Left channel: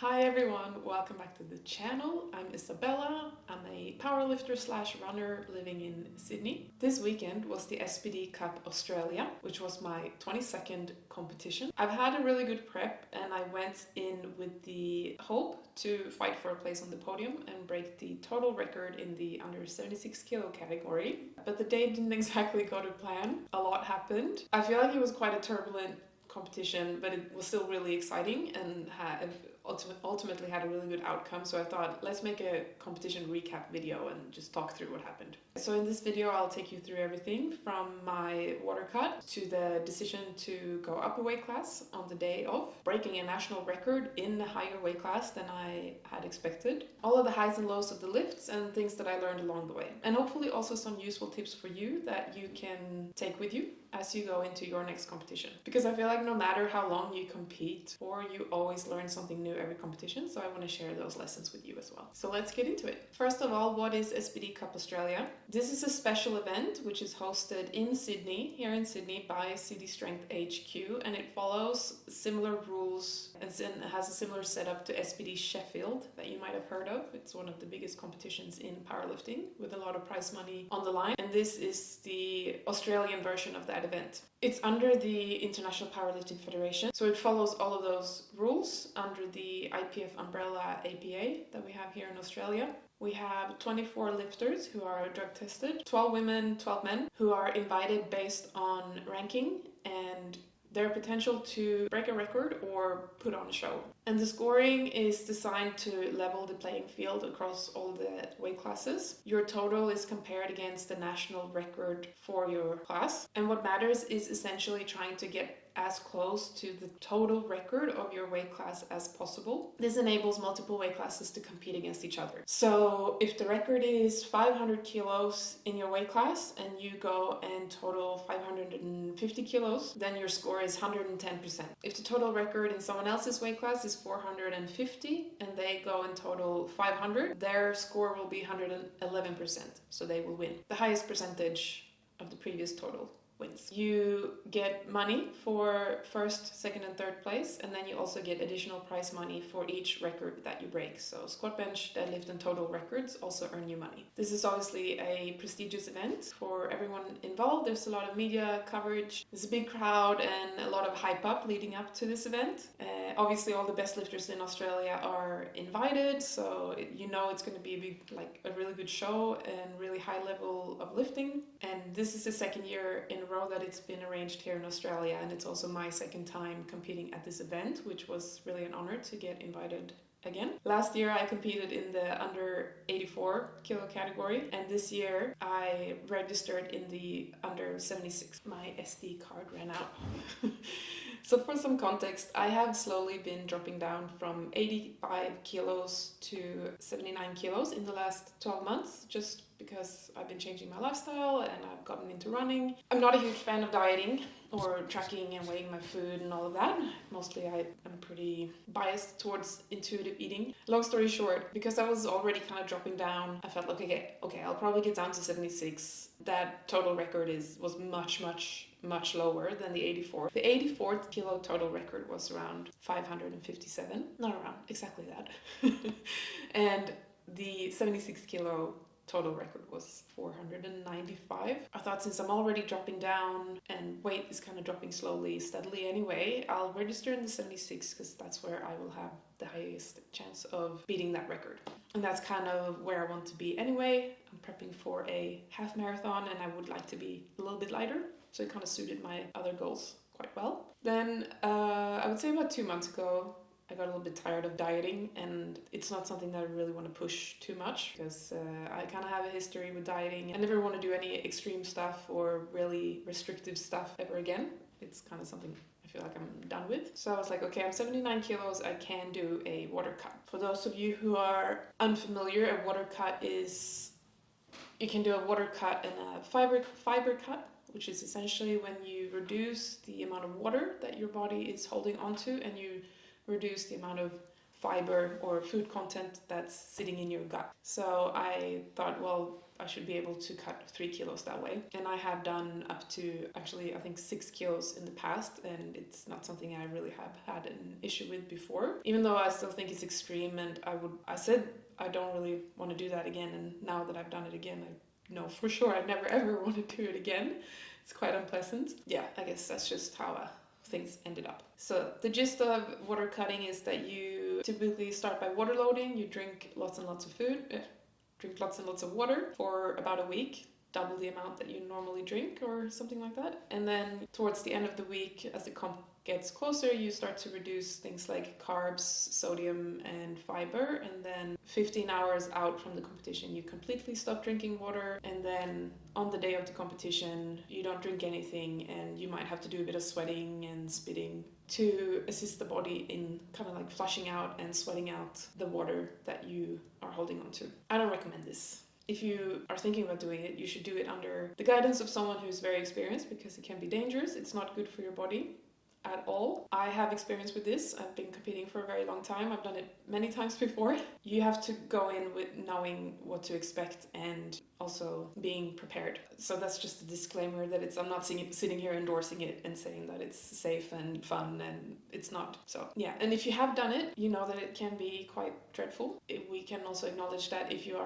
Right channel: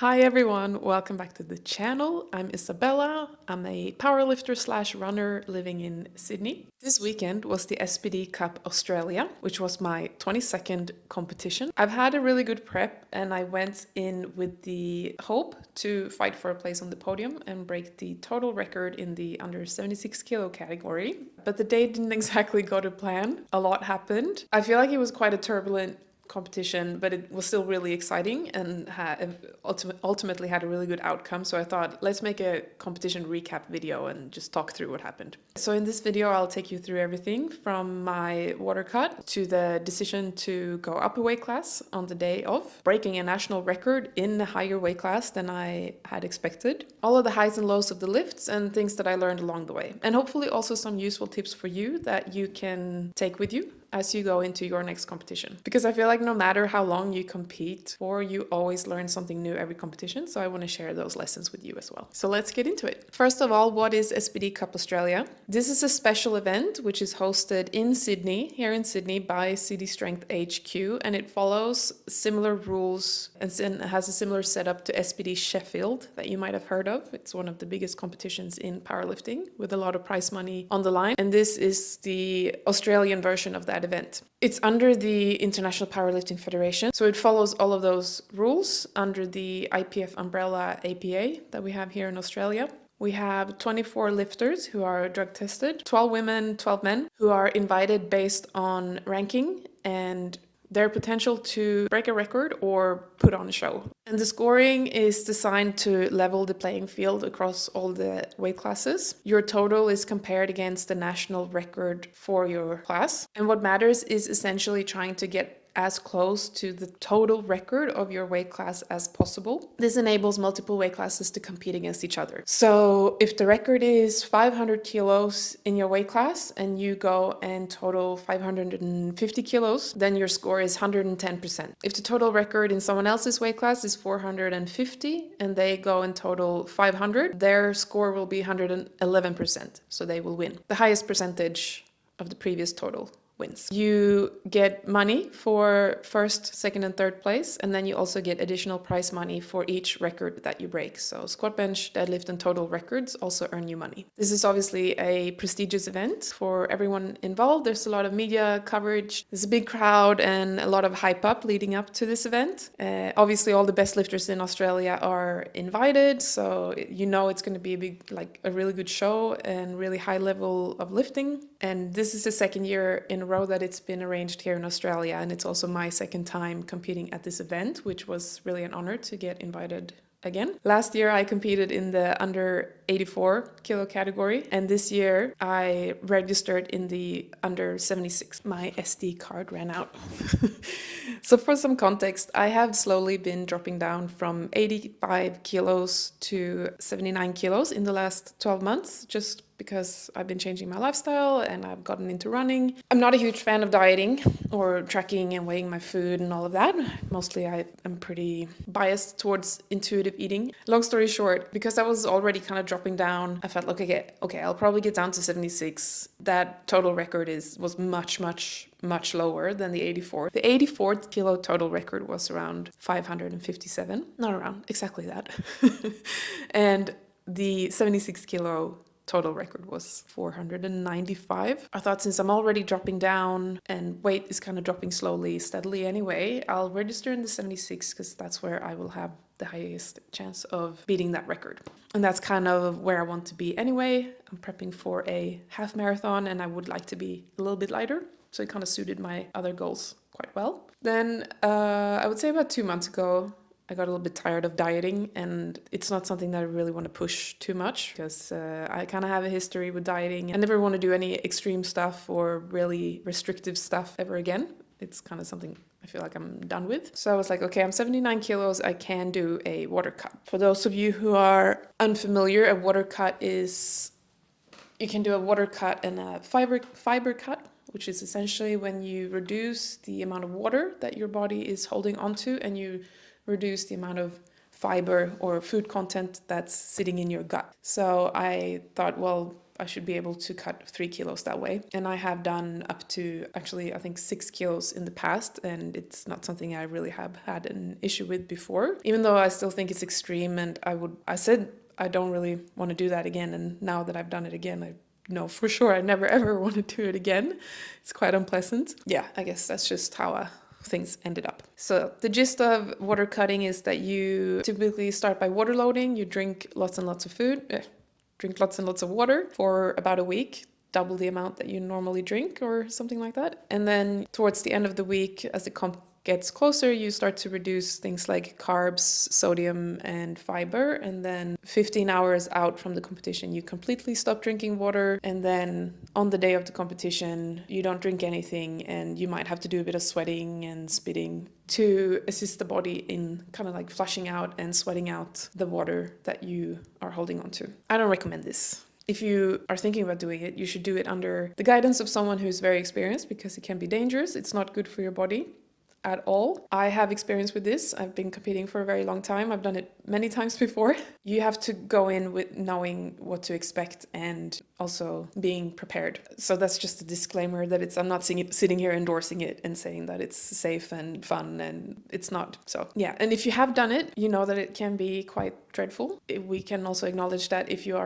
Hi everyone, welcome back to the channel. I'm Isabella. I'm a powerlifter slash runner living in Sydney. This weekend was the SBD Cup Australia, which was my 22nd competition. I've had a really good prep and I went in with the hope to fight for a place on the podium and break the total record in the under 76 kilo category. But the day didn't exactly go to plan. A lot happened. I feel like it was quite a turbulent competition, but it was still really exciting and ultimately had a really good outcome. So I thought, let's make a competition recap video and just talk through what happened. So in this video, I'll take you through everything from my water cut to the decision to go up a weight class on the day of, breaking a national record in a higher weight class than I had expected, all of the highs and lows of the lifts and things that I learned along the way, and hopefully also some useful tips for you that you can take with you as you go into your next competition. Because I feel like no matter how long you compete for, you always learn something new every competition. So I want to share those lessons with you as well. So let's get into it. First of all, what is SBD Cup Australia? This is a special event which is hosted in Sydney, here in Sydney by City Strength HQ, and it follows similar rules and has a similar setup to SBD Sheffield that you might have heard of. It's one of the biggest competitions in powerlifting with a lot of prize money on the line. And this is the Australian version of that event. It's under the International Powerlifting Federation, so it follows all of those rules under the IPF umbrella APA that we have here in Australia. We have 24 lifters who are drug tested, 12 women, 12 men, who are invited based on ranking and their potential to break a record or put on a show. And the scoring is designed to level the playing field across all the weight classes. Your total is compared against the national record for your class. And what matters is essentially trying to get as close to the total record of your weight class as possible. This enables multiple weight classes to compete against each other. So if the record is 500 kilos in your weight class and you go and total 550 kilos, then your score is 110%. If the total record in someone else's weight class is 450 and they go and total 500, their score will be 111%. So they will win the highest percentage of the previous total wins. You get money for first, second, and third place, and then you also get additional prize money for each record that you break. So squat, bench, deadlift, and total records also earn you money. This is obviously a prestigious event for everyone involved. There's a lot of media coverage. There's a big crowd and a lot of hype up leading up to this event. Obviously, all the best lifters in Australia are invited, so you know it's going to be a really good show and really high level of lifting. And this is the second year in a row that it's been arranged here in Australia, and it's also my second time competing at this event, which was really an honor to get invited again. Last year I competed in the under 84 kilo category, and this year I registered in the under 76. My SD card ran out. So for some context, I have slowly been dropping down from 85 kilos to 79 kilos in the last 12 months, just because I've been changing my lifestyle and I've gotten into running. I'm not a huge fan of dieting or tracking and weighing my food and all of that. Mostly I am pretty biased towards intuitive eating. Long story short, because I was already kind of dropping down, I felt like, okay, I'll probably get down to 76. That total record was much lower than the 84. The 84 kilo total record was around 557. Not around, exactly that. And the 76 kilo total record was 495. I thought, since I'm already dropping down and weight is kind of dropping slowly, steadily anyway, I'll register in the 76 because that's where I will have the highest chance of beating that record. And that's kind of where I want to be anyway. I'm prepping for a half marathon and I would like to be a little bit lighter. So it kind of suited my other goals quite well. Then I would say about 2 months ago, I got a little bit tired of dieting, and it's not something that I really want to push too much because I kind of have a history with dieting and never want to do any extreme stuff or really restrictive stuff ever again. It's kind of something I feel like I'm done with. So I was like, okay, I'm 79 kilos. I can do a water cut. For those of you who are unfamiliar, a water cut is, you can do a water cut and a fiber cut, which is essentially when you reduce the amount of water that your body is holding onto and you reduce the amount of fiber or food content that's sitting in your gut. So I thought, well, I should be able to cut 3 kilos that way. And I have done up to actually, I think 6 kilos in the past, and it's not something I really have had an issue with before, even though I still think it's extreme. And I said I don't really want to do that again. And now that I've done it again, I know for sure I never ever want to do it again. It's quite unpleasant. Yeah, I guess that's just how things ended up. So the gist of water cutting is that you typically start by water loading. You drink lots and lots of food, drink lots and lots of water for about a week, double the amount that you normally drink or something like that. And then towards the end of the week, as the comp gets closer, you start to reduce things like carbs, sodium, and fiber. And then 15 hours out from the competition, you completely stop drinking water. And then on the day of the competition, you don't drink anything, and you might have to do a bit of sweating and spitting to assist the body in kind of like flushing out and sweating out the water that you are holding on to. I don't recommend this. If you are thinking about doing it, you should do it under the guidance of someone who's very experienced, because it can be dangerous. It's not good for your body at all. I have experience with this. I've been competing for a very long time. I've done it many times before. You have to go in with knowing what to expect and also being prepared. So that's just a disclaimer that I'm not sitting here endorsing it and saying that it's safe and fun, and it's not. So yeah, and if you have done it, you know that it can be quite dreadful. We can also acknowledge that if you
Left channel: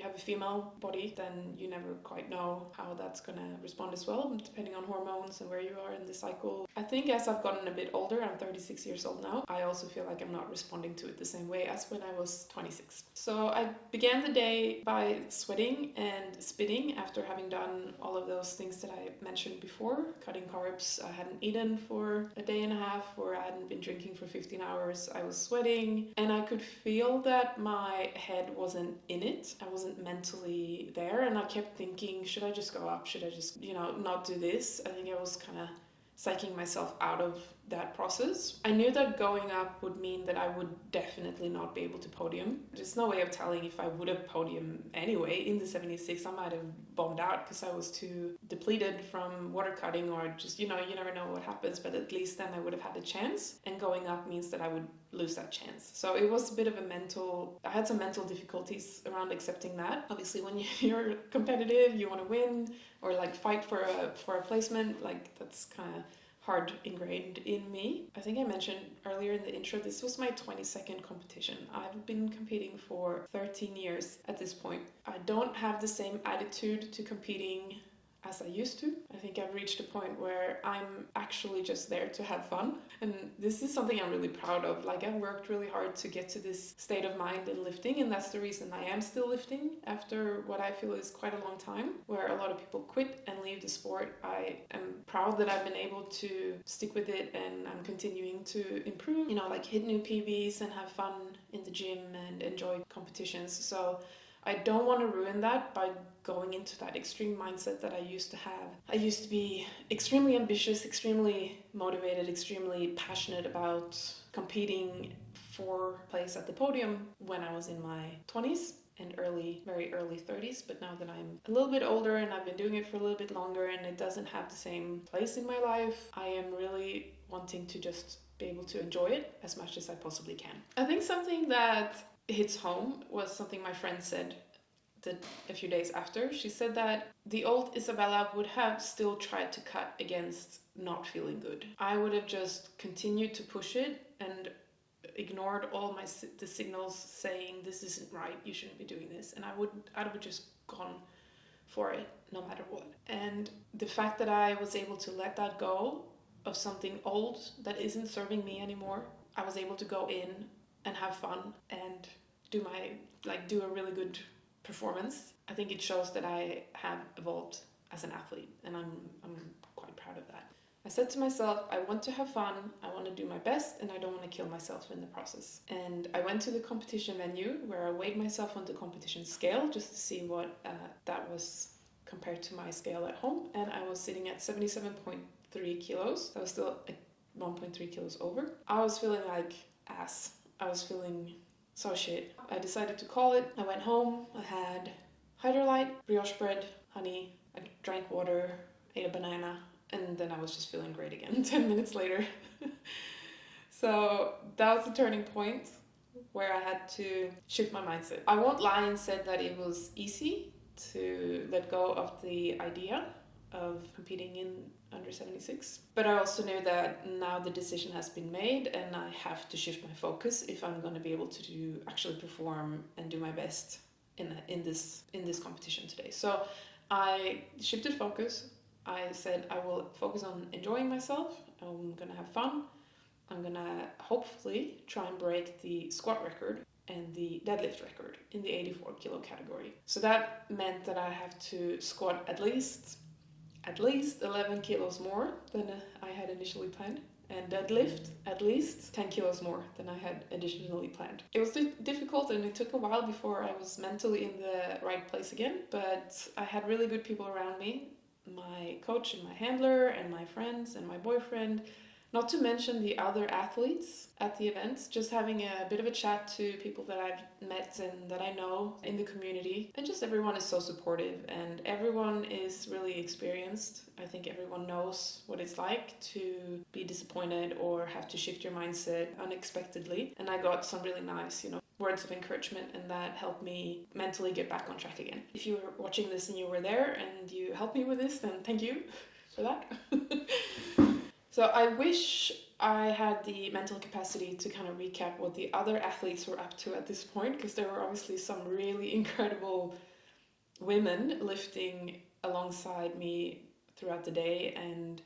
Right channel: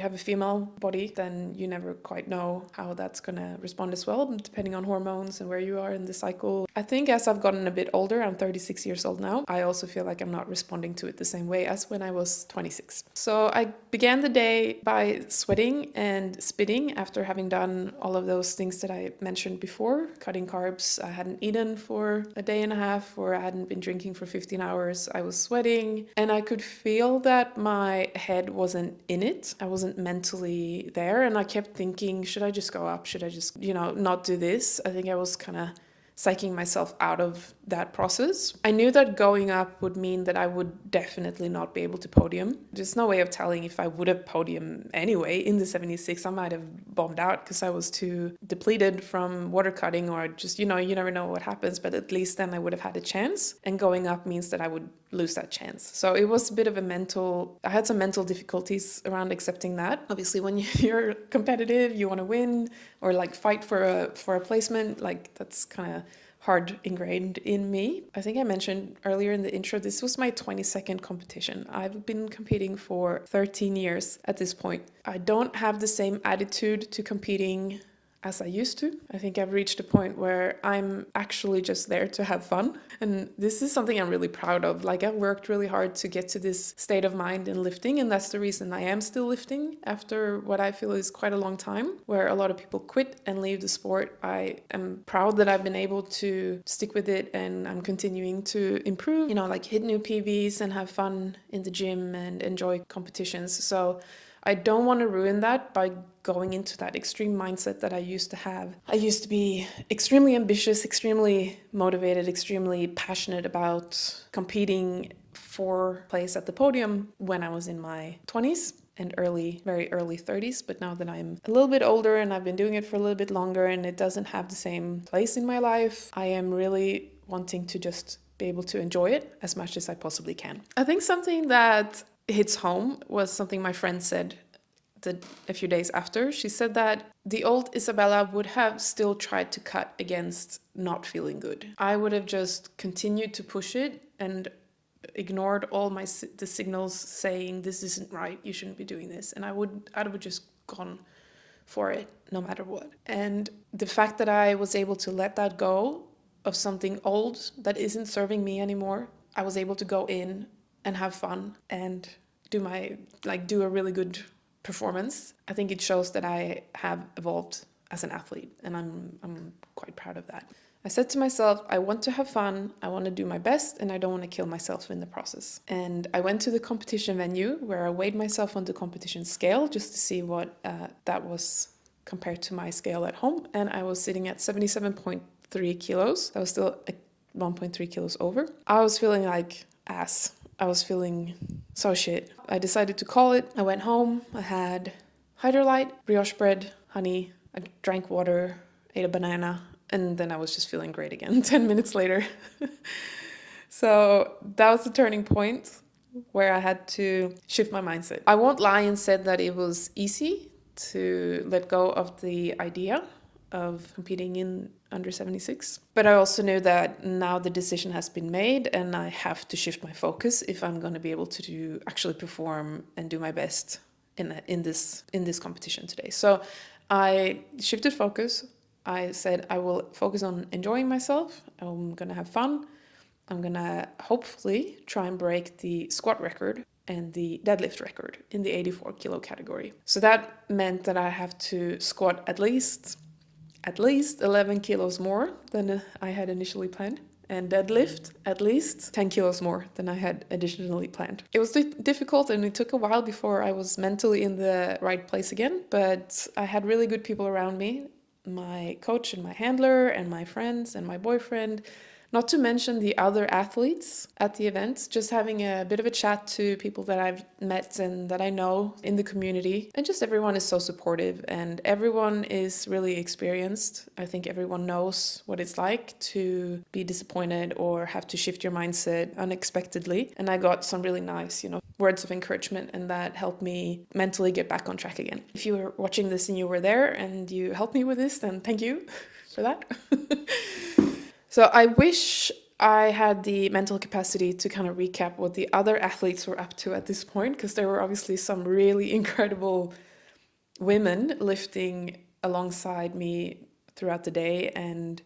have a female body, then you never quite know how that's going to respond as well, depending on hormones and where you are in the cycle. I think as I've gotten a bit older, I'm 36 years old now, I also feel like I'm not responding to it the same way as when I was 26. So I began the day by sweating and spitting after having done all of those things that I mentioned before. Cutting carbs, I hadn't eaten for a day and a half, or I hadn't been drinking for 15 hours. I was sweating, and I could feel that my head wasn't in it. I wasn't mentally there, and I kept thinking, should I just go up? Should I just, not do this? I think I was kind of psyching myself out of that process. I knew that going up would mean that I would definitely not be able to podium. There's no way of telling if I would have podium anyway. In the 76, I might have bombed out because I was too depleted from water cutting, or just, you never know what happens, but at least then I would have had a chance. And going up means that I would lose that chance. So it was a bit of I had some mental difficulties around accepting that. Obviously, when you're competitive, you want to win or like fight for a placement, like that's kind of hard ingrained in me. I think I mentioned earlier in the intro, this was my 22nd competition. I've been competing for 13 years at this point. I don't have the same attitude to competing as I used to. I think I've reached a point where I'm actually just there to have fun. And this is something I'm really proud of. Like, I've worked really hard to get to this state of mind in lifting, and that's the reason I am still lifting after what I feel is quite a long time, where a lot of people quit and leave the sport. I am proud that I've been able to stick with it, and I'm continuing to improve, like hit new PBs and have fun in the gym and enjoy competitions. So I don't want to ruin that by going into that extreme mindset that I used to have. I used to be extremely ambitious, extremely motivated, extremely passionate about competing for place at the podium when I was in my 20s and very early 30s. But now that I'm a little bit older and I've been doing it for a little bit longer and it doesn't have the same place in my life, I am really wanting to just be able to enjoy it as much as I possibly can. I think something that hits home was something my friend said a few days after. She said that the old Isabella would have still tried to cut against not feeling good. I would have just continued to push it and ignored all the signals saying this isn't right, you shouldn't be doing this, and I would just gone for it no matter what. And the fact that I was able to let that go of something old that isn't serving me anymore, I was able to go in and have fun and do a really good performance. I think it shows that I have evolved as an athlete, and I'm quite proud of that. I said to myself, I want to have fun, I want to do my best, and I don't want to kill myself in the process. And I went to the competition venue where I weighed myself on the competition scale just to see what that was compared to my scale at home, and I was sitting at 77.3 kilos. I was still 1.3 kilos over. I was feeling like ass. I was feeling so shit. I decided to call it. I went home. I had Hydrolyte, brioche bread, honey. I drank water, ate a banana, and then I was just feeling great again 10 minutes later. So that was the turning point where I had to shift my mindset. I won't lie and said that it was easy to let go of the idea of competing in under 76. But I also knew that now the decision has been made and I have to shift my focus if I'm going to be able to actually perform and do my best in this competition today. So I shifted focus. I said I will focus on enjoying myself. I'm going to have fun. I'm going to hopefully try and break the squat record and the deadlift record in the 84 kilo category. So that meant that I have to squat at least 11 kilos more than I had initially planned, and deadlift at least 10 kilos more than I had additionally planned. It was difficult and it took a while before I was mentally in the right place again, but I had really good people around me, my coach and my handler and my friends and my boyfriend, not to mention the other athletes at the events, just having a bit of a chat to people that I've met and that I know in the community. And just everyone is so supportive and everyone is really experienced. I think everyone knows what it's like to be disappointed or have to shift your mindset unexpectedly. And I got some really nice, words of encouragement, and that helped me mentally get back on track again. If you were watching this and you were there and you helped me with this, then thank you for that. So I wish I had the mental capacity to kind of recap what the other athletes were up to at this point, because there were obviously some really incredible women lifting alongside me throughout the day, and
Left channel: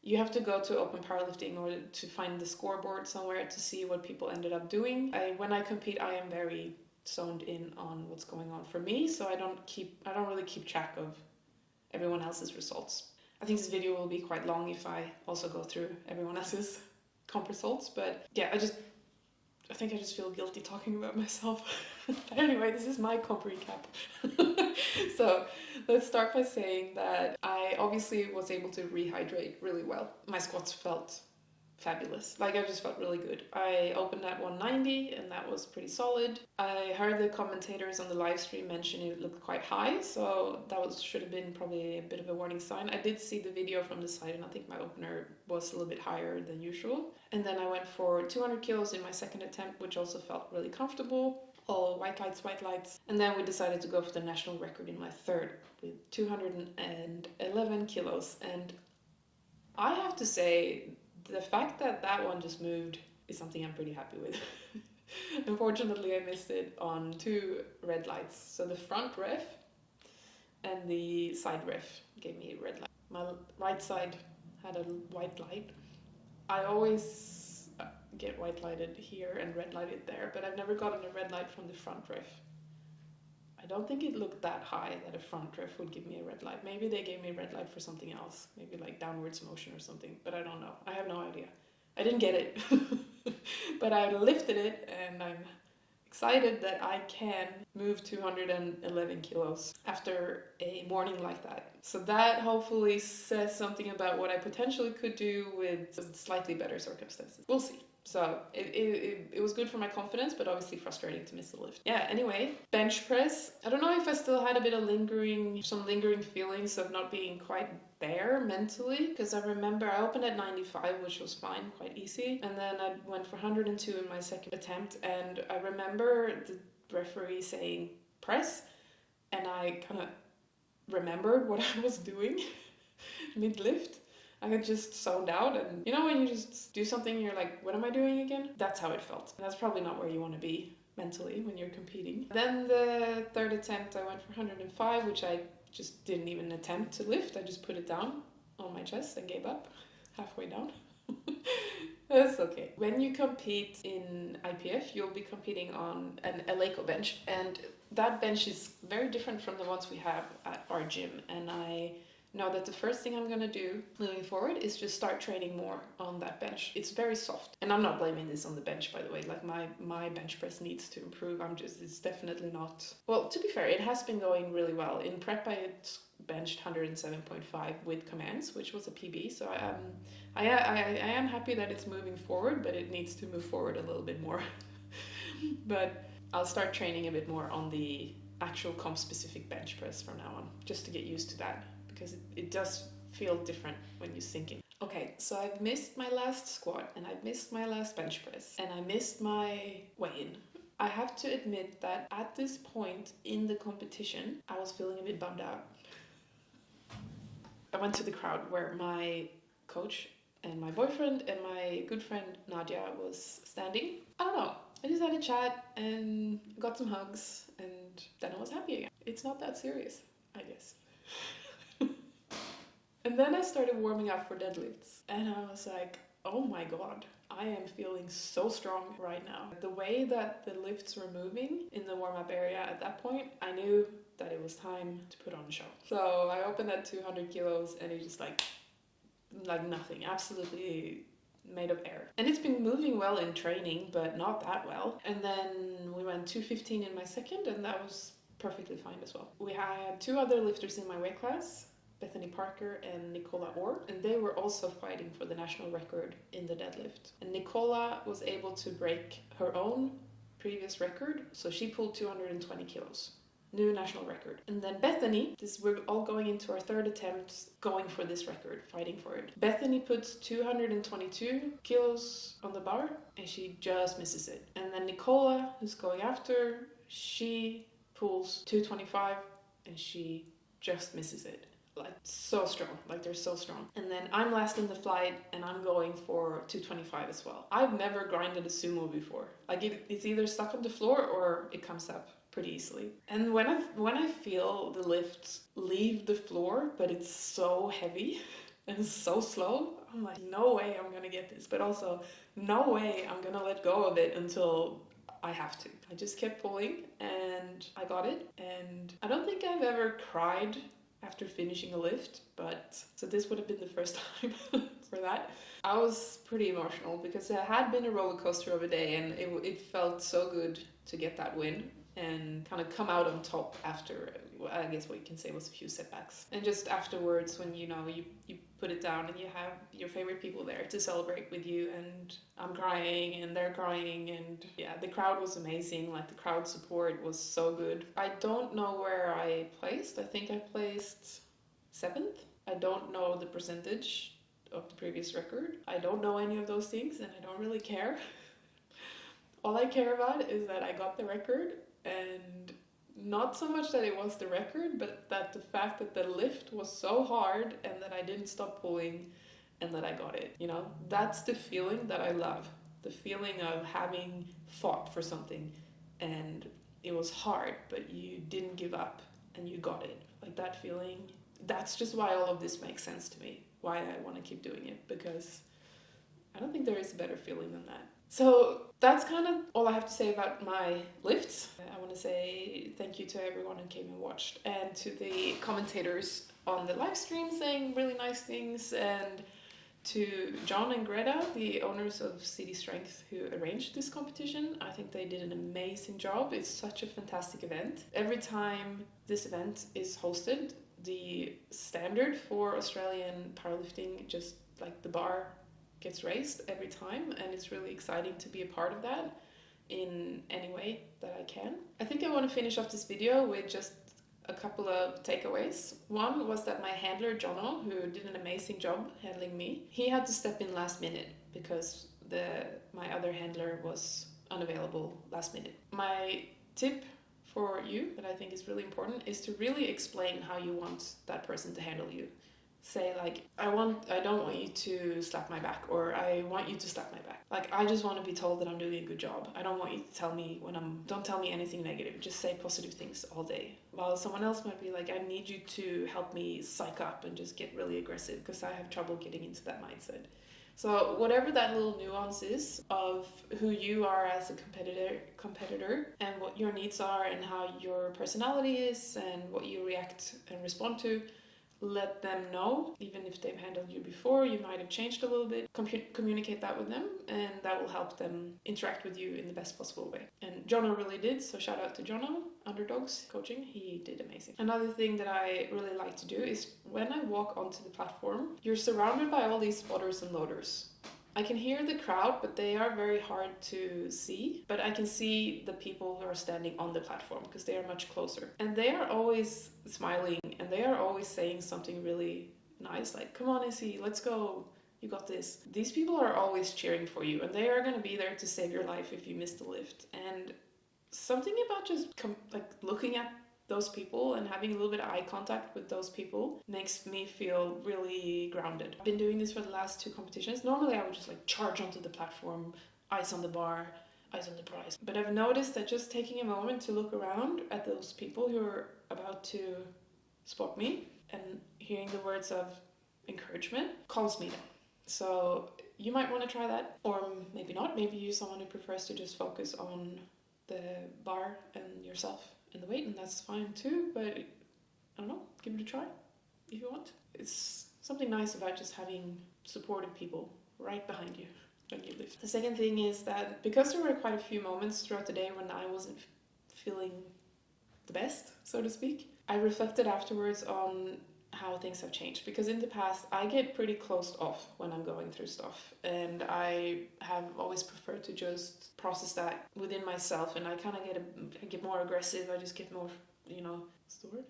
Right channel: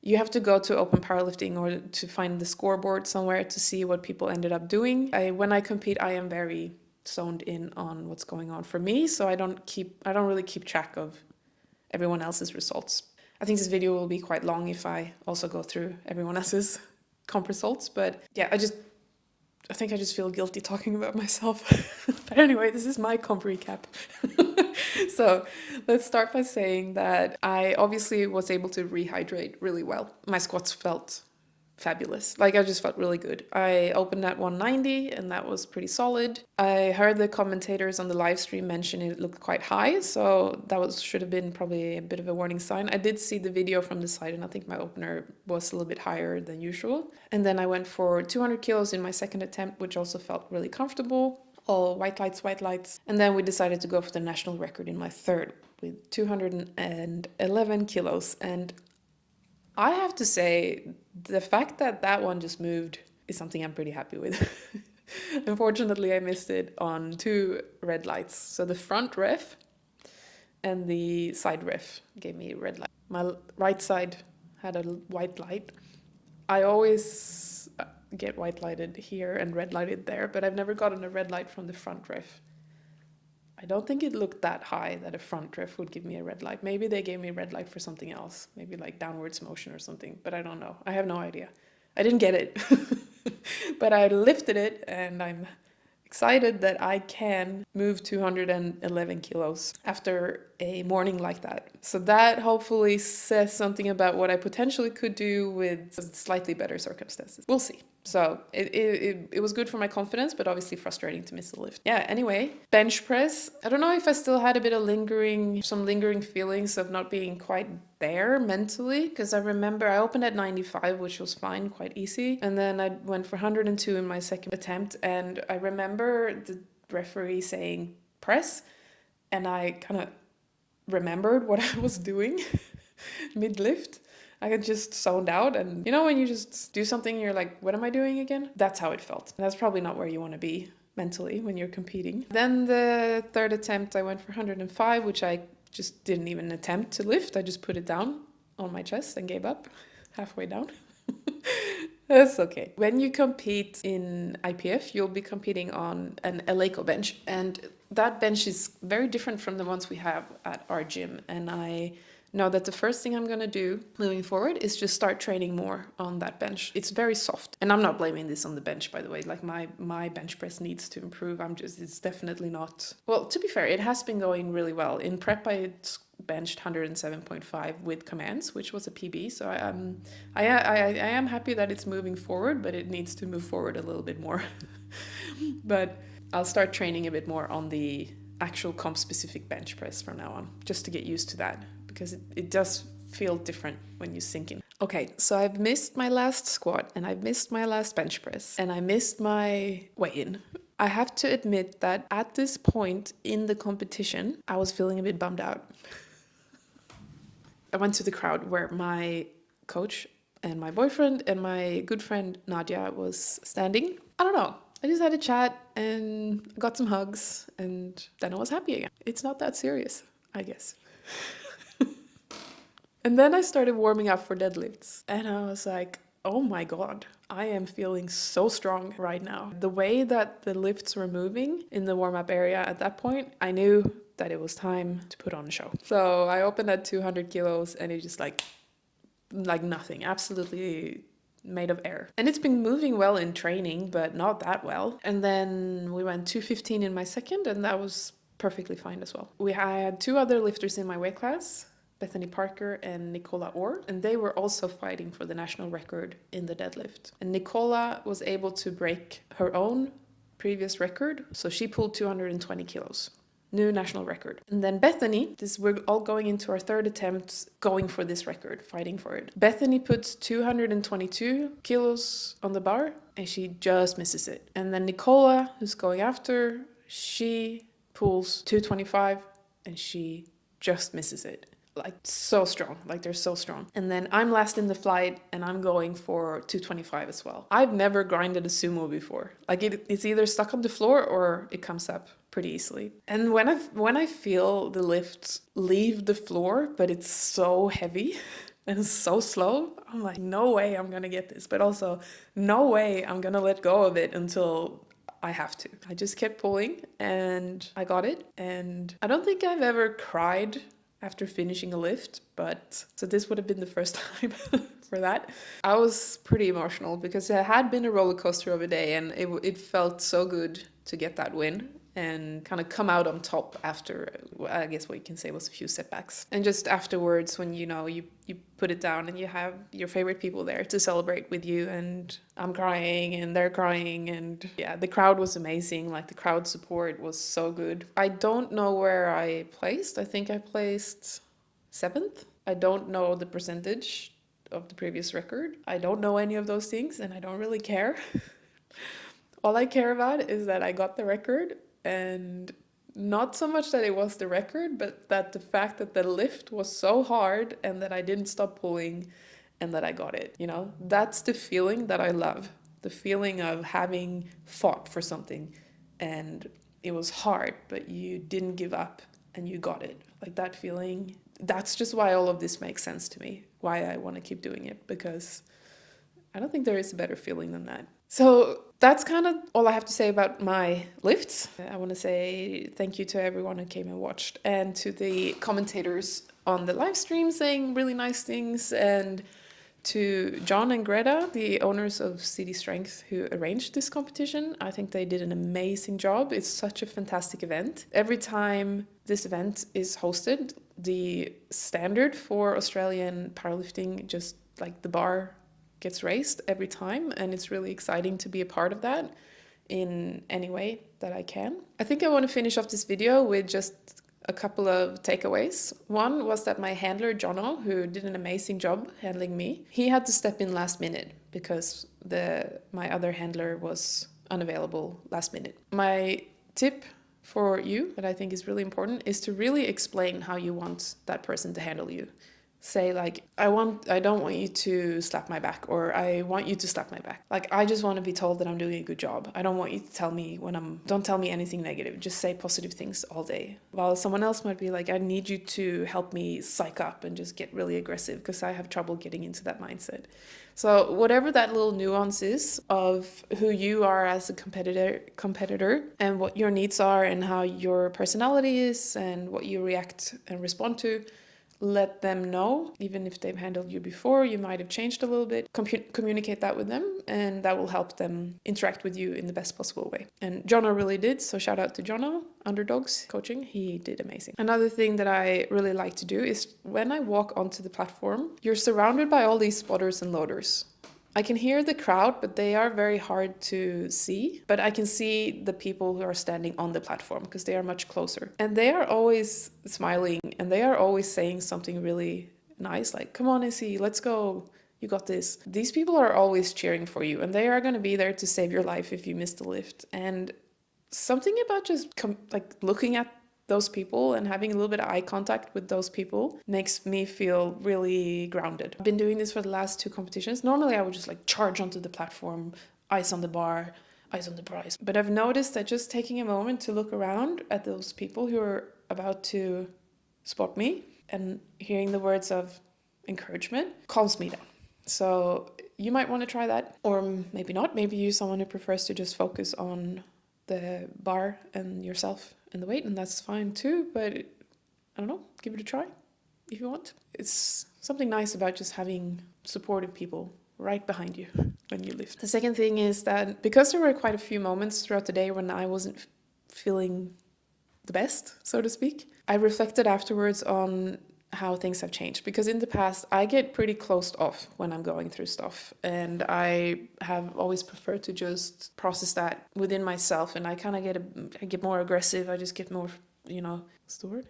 you have to go to Open Powerlifting or to find the scoreboard somewhere to see what people ended up doing. When I compete, I am very zoned in on what's going on for me, so I don't really keep track of everyone else's results. I think this video will be quite long if I also go through everyone else's comp results, but yeah, I think I just feel guilty talking about myself. But anyway, this is my comp recap. So let's start by saying that I obviously was able to rehydrate really well. My squats felt fabulous. I just felt really good. I opened at 190 and that was pretty solid. I heard the commentators on the live stream mention it looked quite high, so that should have been probably a bit of a warning sign. I did see the video from the side and I think my opener was a little bit higher than usual. And then I went for 200 kilos in my second attempt, which also felt really comfortable. All white lights. And then we decided to go for the national record in my third with 211 kilos. And I have to say, the fact that one just moved is something I'm pretty happy with. Unfortunately, I missed it on 2 red lights. So the front ref and the side ref gave me red light. My right side had a white light. I always get white lighted here and red lighted there, but I've never gotten a red light from the front ref. I don't think it looked that high that a front ref would give me a red light. Maybe they gave me a red light for something else, maybe like downwards motion or something, but I don't know. I have no idea. I didn't get it, but I lifted it and I'm excited that I can move 211 kilos after a morning like that. So that hopefully says something about what I potentially could do with slightly better circumstances. We'll see. So it was good for my confidence, but obviously frustrating to miss the lift. Yeah, anyway, bench press. I don't know if I still had a bit of some lingering feelings of not being quite there mentally, because I remember I opened at 95, which was fine, quite easy. And then I went for 102 in my second attempt. And I remember the referee saying press, and I kind of remembered what I was doing mid-lift. I had just zoned out, and when you just do something you're like, what am I doing again? That's how it felt. That's probably not where you want to be mentally when you're competing. Then the third attempt I went for 105, which I just didn't even attempt to lift. I just put it down on my chest and gave up halfway down. That's okay. When you compete in IPF, you'll be competing on an Eleiko bench, and that bench is very different from the ones we have at our gym, and I know that the first thing I'm going to do moving forward is just start training more on that bench. It's very soft. And I'm not blaming this on the bench, by the way. My bench press needs to improve. It's definitely not... Well, to be fair, it has been going really well. In prep, I benched 107.5 with commands, which was a PB. So I am happy that it's moving forward, but it needs to move forward a little bit more. But I'll start training a bit more on the actual comp-specific bench press from now on, just to get used to that. Because it does feel different when you sink in. Okay, so I've missed my last squat and I've missed my last bench press and I missed my weigh-in. I have to admit that at this point in the competition, I was feeling a bit bummed out. I went to the crowd where my coach and my boyfriend and my good friend Nadia was standing. I don't know. I just had a chat and got some hugs and then I was happy again. It's not that serious, I guess. And then I started warming up for deadlifts and I was like, oh my God, I am feeling so strong right now. The way that the lifts were moving in the warm-up area at that point, I knew that it was time to put on a show. So I opened at 200 kilos and it just like nothing, absolutely made of air. And it's been moving well in training, but not that well. And then we went 215 in my second and that was perfectly fine as well. I had two other lifters in my weight class, Bethany Parker and Nicola Orr, and they were also fighting for the national record in the deadlift. And Nicola was able to break her own previous record, so she pulled 220 kilos. New national record. And then Bethany, we're all going into our third attempt going for this record, fighting for it. Bethany puts 222 kilos on the bar and she just misses it. And then Nicola, who's going after, she pulls 225 and she just misses it. Like so strong, like they're so strong. And then I'm last in the flight and I'm going for 225 as well. I've never grinded a sumo before. Like it's either stuck on the floor or it comes up pretty easily. And when I feel the lift leave the floor, but it's so heavy and so slow, I'm like, no way I'm gonna get this. But also, no way I'm gonna let go of it until I have to. I just kept pulling and I got it. And I don't think I've ever cried after finishing a lift, but so this would have been the first time for that. I was pretty emotional because it had been a roller coaster of a day and it felt so good to get that win and kind of come out on top after, I guess what you can say was a few setbacks. And just afterwards when you put it down and you have your favorite people there to celebrate with you, and I'm crying and they're crying, and yeah, the crowd was amazing. Like the crowd support was so good. I don't know where I placed. I think I placed 7th. I don't know the percentage of the previous record. I don't know any of those things and I don't really care. All I care about is that I got the record, and not so much that it was the record, but that the fact that the lift was so hard and that I didn't stop pulling and that I got it, you know? That's the feeling that I love. The feeling of having fought for something and it was hard, but you didn't give up and you got it. Like that feeling, that's just why all of this makes sense to me, why I want to keep doing it, because I don't think there is a better feeling than that. So that's kind of all I have to say about my lifts. I want to say thank you to everyone who came and watched, and to the commentators on the live stream saying really nice things, and to John and Greta, the owners of City Strength, who arranged this competition. I think they did an amazing job. It's such a fantastic event. Every time this event is hosted, the standard for Australian powerlifting, just like the bar, gets raised every time, and it's really exciting to be a part of that in any way that I can. I think I want to finish off this video with just a couple of takeaways. One was that my handler Jono, who did an amazing job handling me, he had to step in last minute because my other handler was unavailable last minute. My tip for you that I think is really important is to really explain how you want that person to handle you. Say like, I don't want you to slap my back, or I want you to slap my back. Like, I just want to be told that I'm doing a good job. I don't want you to tell me don't tell me anything negative. Just say positive things all day. While someone else might be like, I need you to help me psych up and just get really aggressive because I have trouble getting into that mindset. So whatever that little nuance is of who you are as a competitor and what your needs are and how your personality is and what you react and respond to, let them know. Even if they've handled you before, you might have changed a little bit. Communicate that with them, and that will help them interact with you in the best possible way. And Jono really did, so shout out to Jono, Underdogs Coaching. He did amazing. Another thing that I really like to do is when I walk onto the platform, you're surrounded by all these spotters and loaders. I can hear the crowd, but they are very hard to see. But I can see the people who are standing on the platform because they are much closer. And they are always smiling and they are always saying something really nice, like, come on, Izzy, let's go. You got this. These people are always cheering for you, and they are going to be there to save your life if you miss the lift. And something about just like looking at those people and having a little bit of eye contact with those people makes me feel really grounded. I've been doing this for the last 2 competitions. Normally I would just like charge onto the platform, eyes on the bar, eyes on the prize. But I've noticed that just taking a moment to look around at those people who are about to spot me and hearing the words of encouragement calms me down. So you might want to try that, or maybe not. Maybe you're someone who prefers to just focus on the bar and yourself and the weight, and that's fine too. But I don't know, give it a try if you want. It's something nice about just having supportive people right behind you when you lift. The second thing is that because there were quite a few moments throughout the day when I wasn't feeling the best, so to speak, I reflected afterwards on how things have changed, because in the past I get pretty closed off when I'm going through stuff, and I have always preferred to just process that within myself, and I kind of get more aggressive. I just get more, what's the word?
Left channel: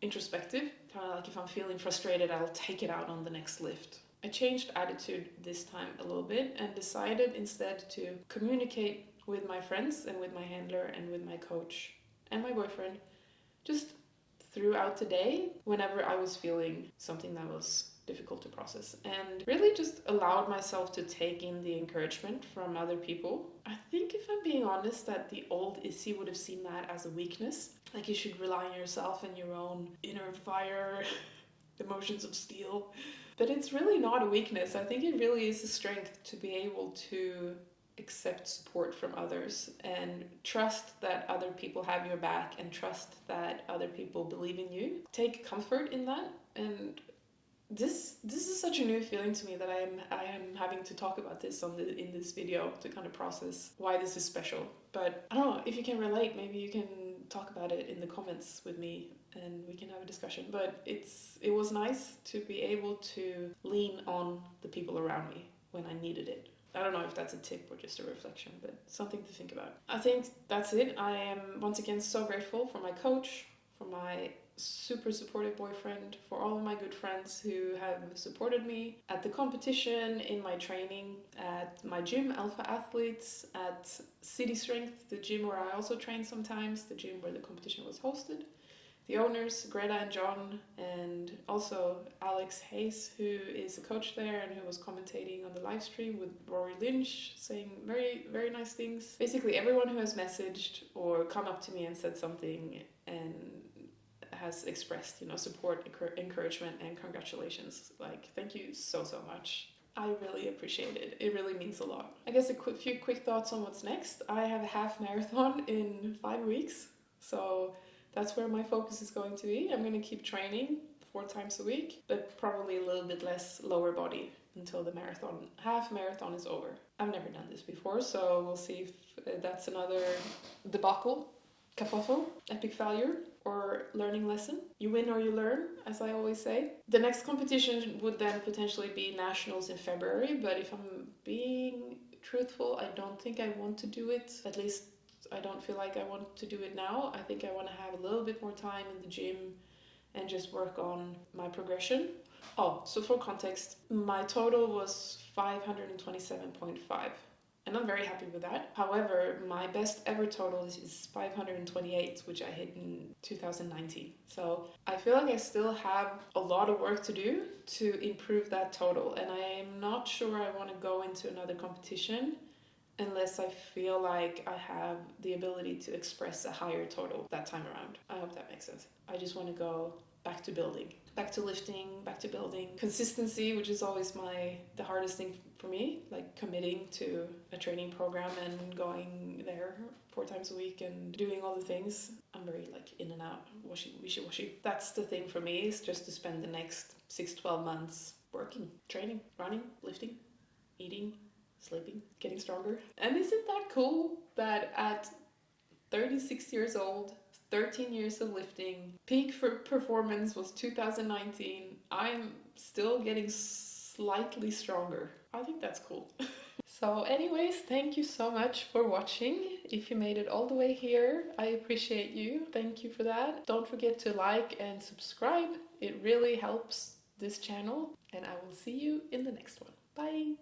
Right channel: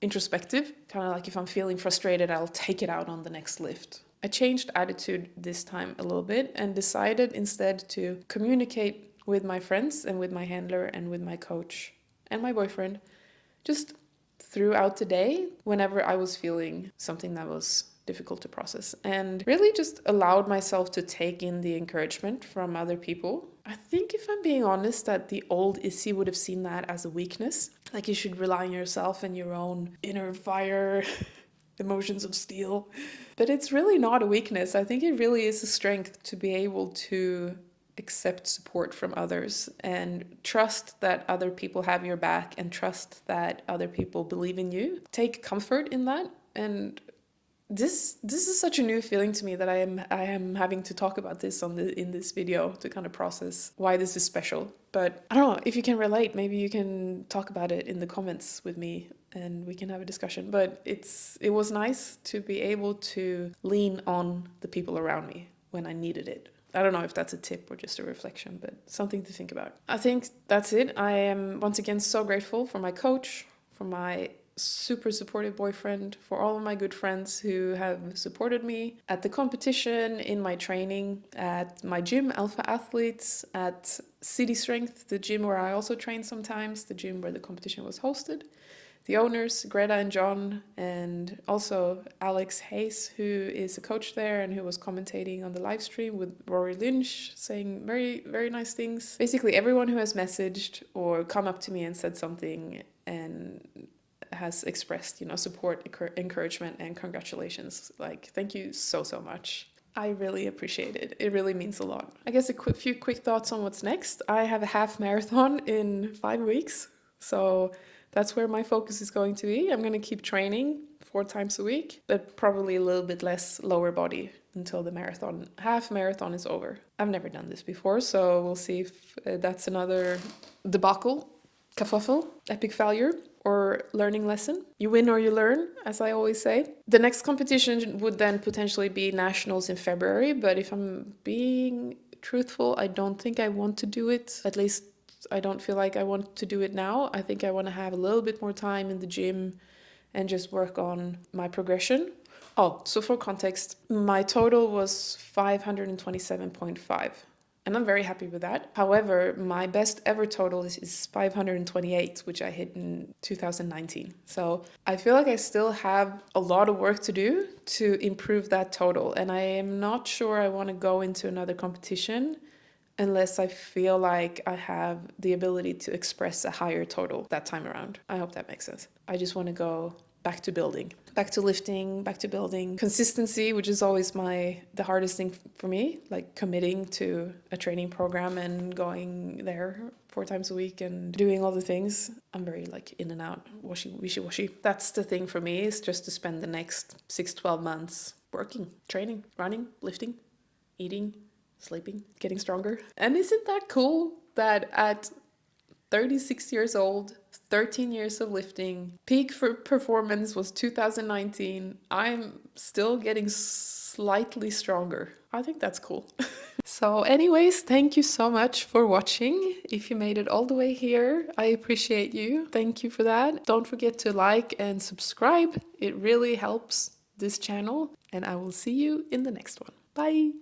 Introspective. Kind of like if I'm feeling frustrated, I'll take it out on the next lift. I changed attitude this time a little bit and decided instead to communicate with my friends and with my handler and with my coach and my boyfriend just throughout the day whenever I was feeling something that was difficult to process, and really just allowed myself to take in the encouragement from other people. I think, if I'm being honest, that the old Issy would have seen that as a weakness. Like you should rely on yourself and your own inner fire, emotions of steel. But it's really not a weakness. I think it really is a strength to be able to accept support from others and trust that other people have your back and trust that other people believe in you. Take comfort in that. And this is such a new feeling to me that I am having to talk about this in this video to kind of process why this is special. But I don't know if you can relate. Maybe you can talk about it in the comments with me and we can have a discussion. But it was nice to be able to lean on the people around me when I needed it. I don't know if that's a tip or just a reflection, but something to think about. I think that's it. I am once again so grateful for my coach, for my super supportive boyfriend, for all of my good friends who have supported me at the competition, in my training, at my gym, Alpha Athletes, at City Strength, the gym where I also train sometimes, the gym where the competition was hosted. The owners, Greta and John, and also Alex Hayes, who is a coach there and who was commentating on the live stream with Rory Lynch, saying very, very nice things. Basically, everyone who has messaged or come up to me and said something and has expressed, support, encouragement, and congratulations. Like, thank you so, so much. I really appreciate it. It really means a lot. I guess a few quick thoughts on what's next. I have a half marathon in 5 weeks, so that's where my focus is going to be. I'm going to keep training 4 times a week, but probably a little bit less lower body until the half marathon is over. I've never done this before, so we'll see if that's another debacle, kerfuffle, epic failure, or learning lesson. You win or you learn, as I always say. The next competition would then potentially be nationals in February, but if I'm being truthful, I don't think I want to do it. At least I don't feel like I want to do it now. I think I want to have a little bit more time in the gym and just work on my progression. Oh, so for context, my total was 527.5. And I'm very happy with that. However, my best ever total is 528, which I hit in 2019. So I feel like I still have a lot of work to do to improve that total. And I am not sure I want to go into another competition unless I feel like I have the ability to express a higher total that time around. I hope that makes sense. I just want to go back to building, back to lifting, back to building. Consistency, which is always the hardest thing for me, like committing to a training program and going there 4 times a week and doing all the things. I'm very in and out, wishy-washy. That's the thing for me, is just to spend the next 6-12 months working, training, running, lifting, eating, sleeping, getting stronger. And isn't that cool that at 36 years old, 13 years of lifting, peak for performance was 2019, I'm still getting slightly stronger. I think that's cool. So anyways, thank you so much for watching. If you made it all the way here, I appreciate you. Thank you for that. Don't forget to like and subscribe. It really helps this channel, and I will see you in the next one. Bye!